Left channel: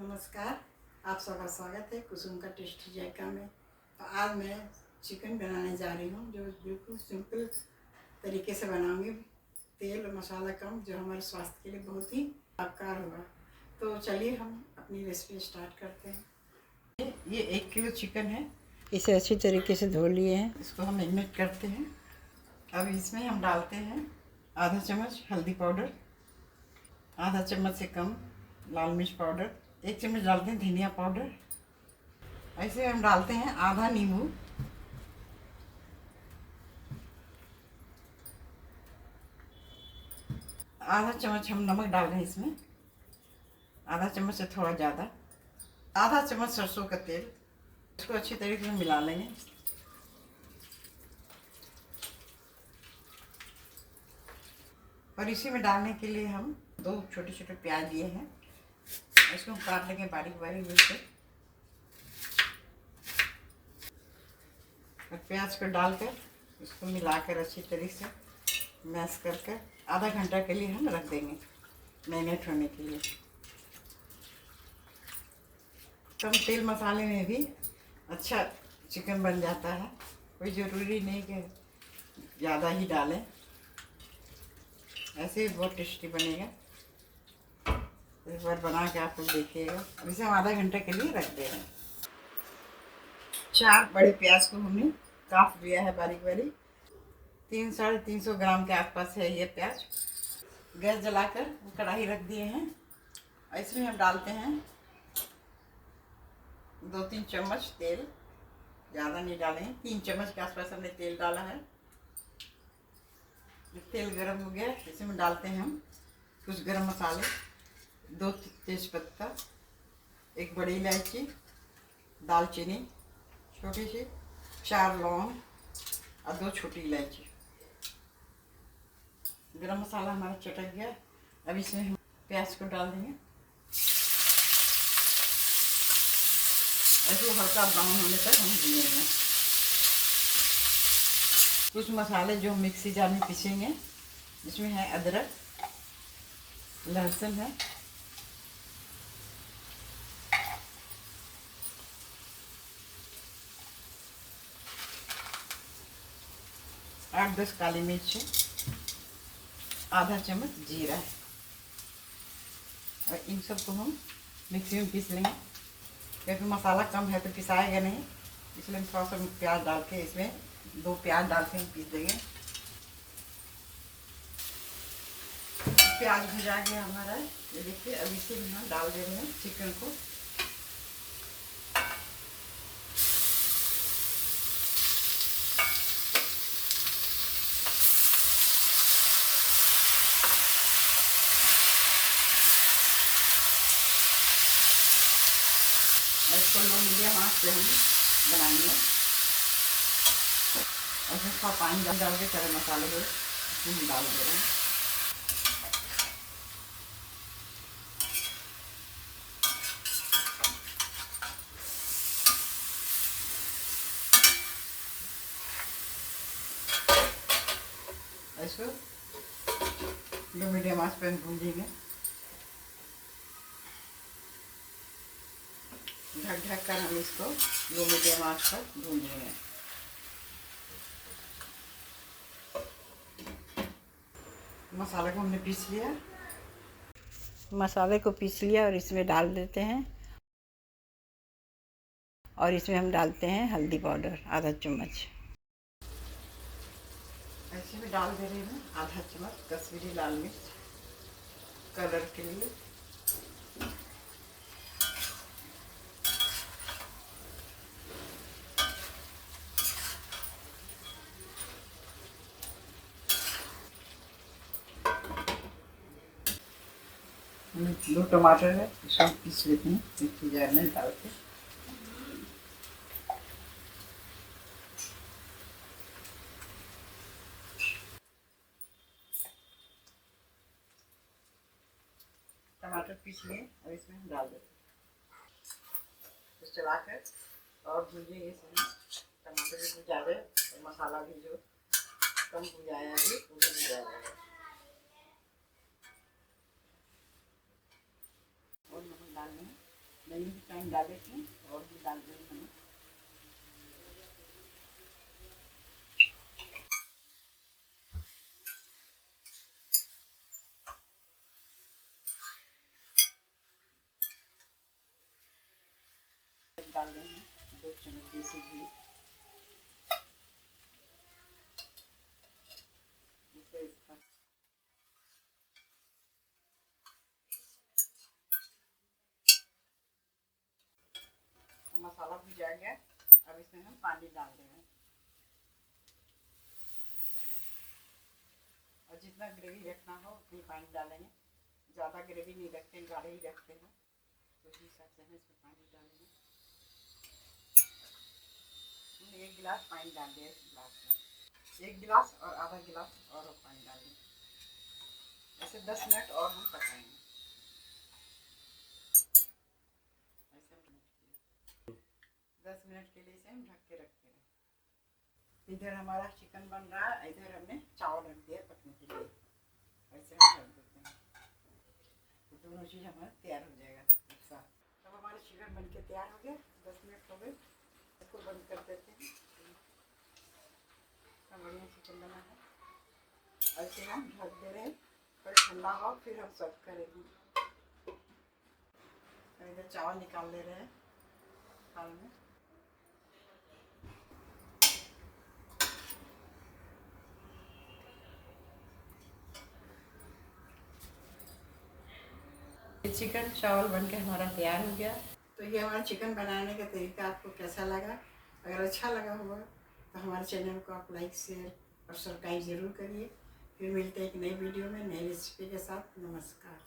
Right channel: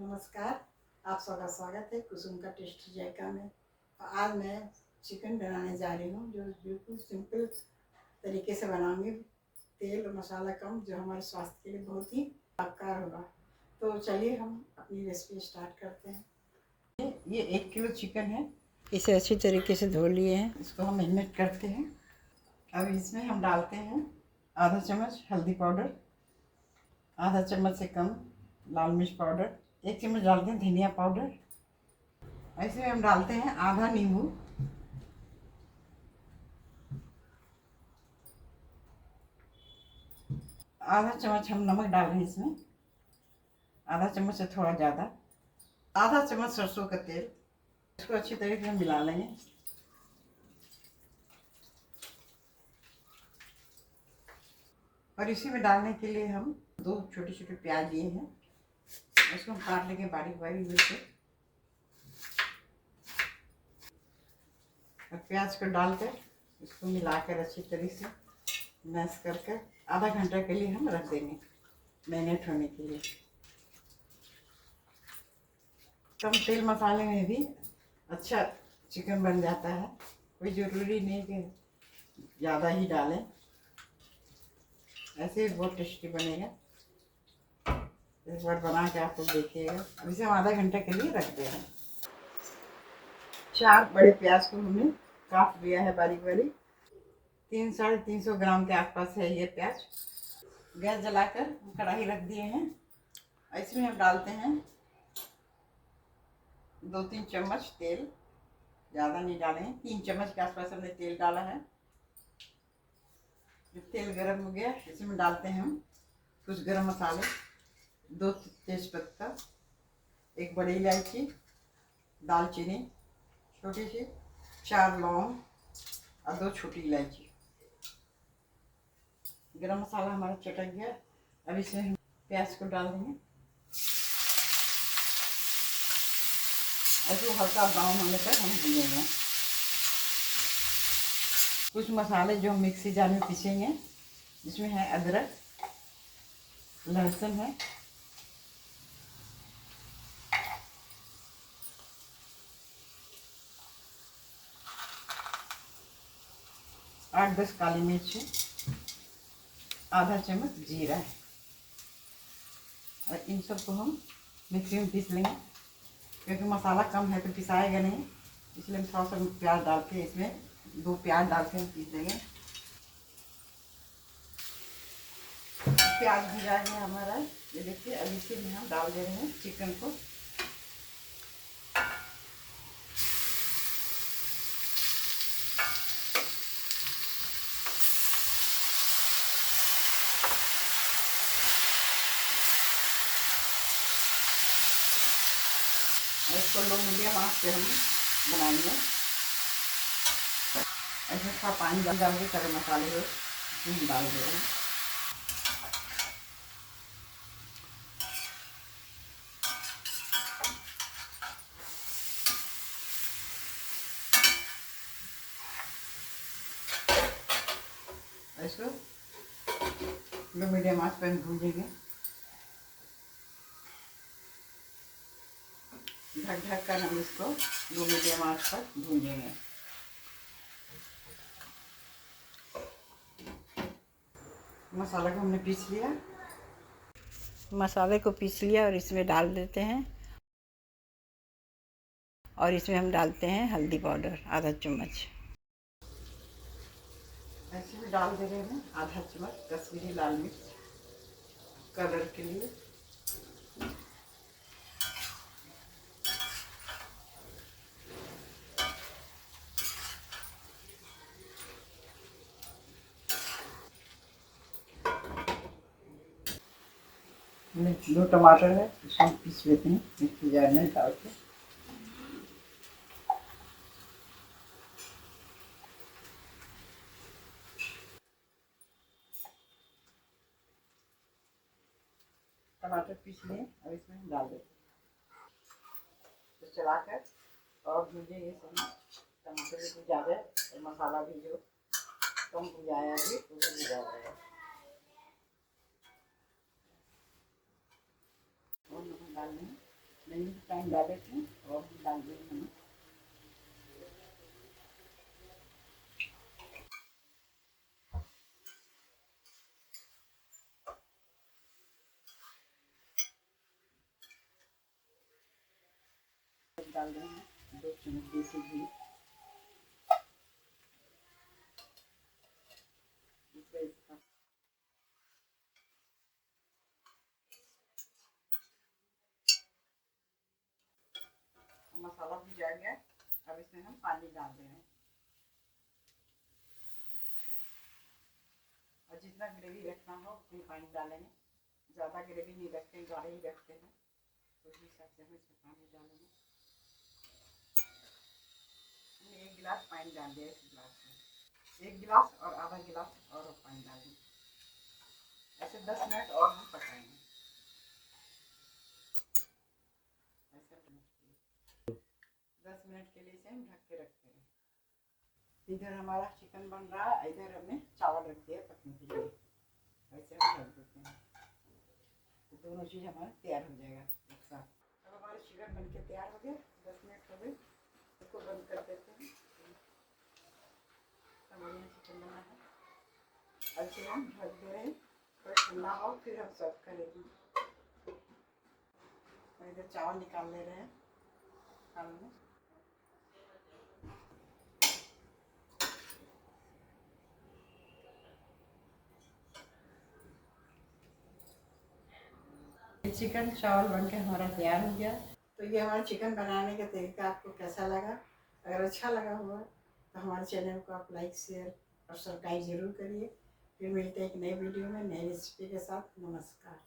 नमस्कार, आप सबका स्वागत है कुसुम का टेस्टी जायका में। तो आज मैं चिकन बनाने जा रही हूँ जो बिल्कुल सिंपल तरीके से बनाऊंगी। तेल और मसाला कम, जो हमारे स्वास्थ्य के लिए बहुत ही लाभकारी होगा। तो चलिए हम अपनी रेसिपी स्टार्ट करते हैं। ये 1 किलो चिकन है, इसे अच्छी तरीके से धो लिए हैं। इसको हम मैरिनेट करते हैं। अब इसमें हम डालते हैं आधा चम्मच हल्दी पाउडर, आधा चम्मच से कम लाल मिर्च पाउडर, 1 चम्मच डालते हैं धनिया पाउडर। ऐसे हम डालते हैं आधा नींबू, आधा चम्मच हम नमक डाल रहे हैं इसमें, आधा चम्मच से थोड़ा ज़्यादा, आधा चम्मच सरसों का तेल। इसको अच्छी तरीके से मिला लेंगे। और इसी में डालने के लिए हम 2 छोटे छोटे प्याज लिए हैं, इसको हम काट लेंगे बारीक बारीक से। और प्याज को डालकर इसको मिलाकर अच्छी तरीके से मैश करके आधा घंटा के लिए हम रख देंगे मैरिनेट होने के लिए। कम तेल मसाले में भी अच्छा चिकन बन जाता है, कोई ज़रूरी नहीं कि ज़्यादा ही डालें, ऐसे ही बहुत टेस्टी बनेगा। इस बार बना के आप लोग देखिएगा। अब इसे हम आधा घंटे के लिए रख दे रहे हैं। 4 बड़े प्याज को हमने काट लिया है बारीक बारीक, 300-350 ग्राम के आसपास है ये प्याज। गैस जलाकर कढ़ाई रख दिए हैं। इसमें हम डालते हैं 2-3 चम्मच तेल, ज़्यादा नहीं डालें, 3 चम्मच के आसपास हमने तेल डाला है। जब तेल गर्म हो गया इसमें डालते हैं हम कुछ गरम मसाले, 2 तेज़पत्ता, 1 बड़ी इलायची, दालचीनी छोटी सी, 4 लौंग और 2 छोटी इलायची। गरम मसाला हमारा चटक गया। अब इसमें हम प्याज को डाल देंगे। ऐसे हल्का ब्राउन होने तक हम भूनेंगे। कुछ मसाले जो हम मिक्सी जार में पीसेंगे, जिसमें है अदरक, लहसुन है, आठ 10 काली मिर्च है, आधा चम्मच जीरा है। और इन सब को हम मिक्सी में पीस लेंगे, क्योंकि मसाला कम है तो पिसाएगा नहीं, इसलिए हम थोड़ा सा प्याज डाल के इसमें 2 प्याज डाल के हम पीस देंगे। प्याज भुजा गया हमारा, ये देखिए। अब इसी में हम डाल दे रहे हैं चिकन को। और इसको लो मीडियम आंच पे हम बनाएंगे। ऐसे थोड़ा पानी डाल के सारे मसाले को इसमें डाल दे रहे हैं। इसको लो मीडियम आंच पे भूनेंगे, ढक ढक कर हम इसको लो मीडियम आंच पर भूनेंगे। मसाले को हमने पीस लिया, मसाले को पीस लिया और इसमें डाल देते हैं। और इसमें हम डालते हैं हल्दी पाउडर आधा चम्मच। ऐसे में डाल दे रहे हैं आधा चम्मच कश्मीरी लाल मिर्च कलर के लिए। दो टमाटर है, इसको हम पीस लेते हैं मिक्सी जार में डाल के। टमाटर पीस लिए, अब इसमें हम डाल देते हैं। तो चलाकर और भूजेंगे इसमें। टमाटर भी भुजा जाए और मसाला भी जो कम भुजाया भी वो भी भुजा जाएगा। और नमक डाल देंगे। नहीं टाइम डाल देती हूँ और भी डाल देंगे नमक। डाल रहे हैं 2 चम्मच देसी घी। मसाला भुजा गया, अब इसमें हम पानी डाल रहे हैं और जितना ग्रेवी रखना हो उतनी पानी डालेंगे। ज़्यादा ग्रेवी नहीं रखते हैं, गाढ़े ही रखते हैं, तो उसी हिसाब से हम इसमें पानी डालेंगे। 1 गिलास पानी डाल दिया इस गिलास में, 1 गिलास और आधा गिलास और पानी डाल दें। ऐसे 10 मिनट और हम पकाएंगे। ऐसे 10 मिनट के लिए इसे हम ढक के रखते हैं। इधर हमारा चिकन बन रहा है, इधर हमने चावल रख दिया पकने के लिए। ऐसे हम रख देते हैं, तो दोनों चीज़ हमारा तैयार हो जाएगा एक साथ। अब हमारा चिकन बन के तैयार हो गया, 10 मिनट हो गए, इसको बंद कर देते हैं। बढ़िया चिकन बना है, और इसे हम ढक दे रहे हैं, थोड़ा ठंडा हो फिर हम सर्व करेंगे। इधर चावल निकाल ले रहे हैं थाल में। चिकन चावल बनके हमारा तैयार हो गया। तो ये हमारा चिकन बनाने का तरीका आपको कैसा लगा? अगर अच्छा लगा होगा तो हमारे चैनल को आप लाइक शेयर और सब्सक्राइब ज़रूर करिए। फिर मिलते हैं एक नई वीडियो में नई रेसिपी के साथ। नमस्कार।